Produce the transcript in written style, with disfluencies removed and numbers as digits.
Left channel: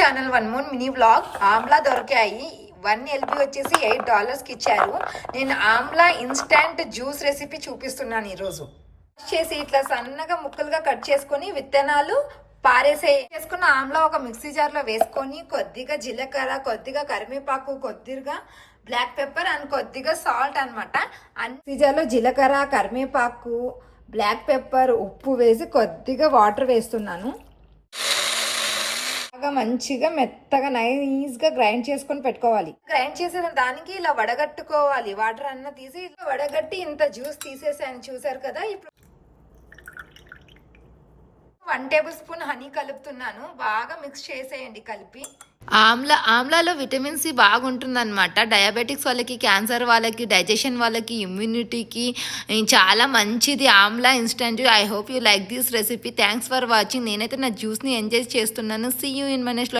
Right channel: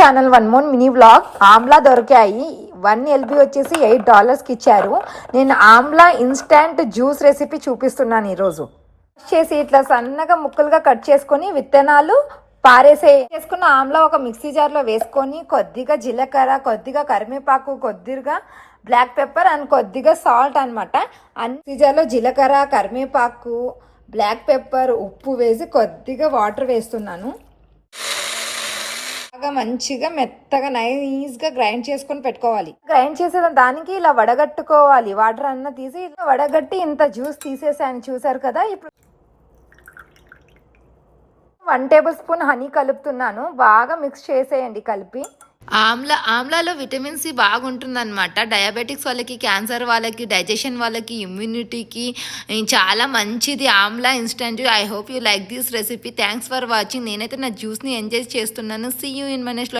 Channel one more mini vlog. Amla దొరికాయి. 1 LB వచ్చేసి $8కి ఇచ్చారు. నేను ఆమ్లా ఇన్స్టంట్ జ్యూస్ రెసిపీ చూపిస్తున్నాను ఈరోజు. చేసి ఇట్లా సన్నగా ముక్కలుగా కట్ చేసుకొని విత్తనాలు చేసుకున్న ఆమ్లా ఒక మిక్సీ జార్లో వేసుకొని కొద్దిగా జీలకర్ర, కొద్దిగా కరివేపాకు, కొద్దిగా బ్లాక్ పెప్పర్ అండ్ కొద్దిగా సాల్ట్ అనమాట. మిక్సీ జార్లో జీలకర్ర, కరివేపాకు, బ్లాక్ పెప్పర్, ఉప్పు వేసి కొద్దిగా వాటర్ వేస్తున్నాను. మంచిగా మెత్తగా నైస్గా గ్రైండ్ చేసుకొని పెట్టుకోవాలి. గ్రైండ్ చేసిన దానికి ఇలా వడగట్టుకోవాలి. వాటర్ అన్న తీసి ఇలా వడగట్టి ఇంత జ్యూస్ తీసేసాను, చూసారు కదా. ఇప్పుడు 1 టేబుల్ స్పూన్ హనీ కలుపుతున్నాను. బాగా మిక్స్ చేసేయండి కలిపి. ఆమ్లాలో విటమిన్ సి బాగుంటుందన్నమాట. డయాబెటిక్స్ వాళ్ళకి, క్యాన్సర్ వాళ్ళకి, డైజెషన్ వాళ్ళకి, ఇమ్యూనిటీకి చాలా మంచిది amla instant. I hope you like this recipe. Thanks for watching. నేనైతే నా జ్యూస్ని ఎంజాయ్ చేస్తున్నాను. See you in my next.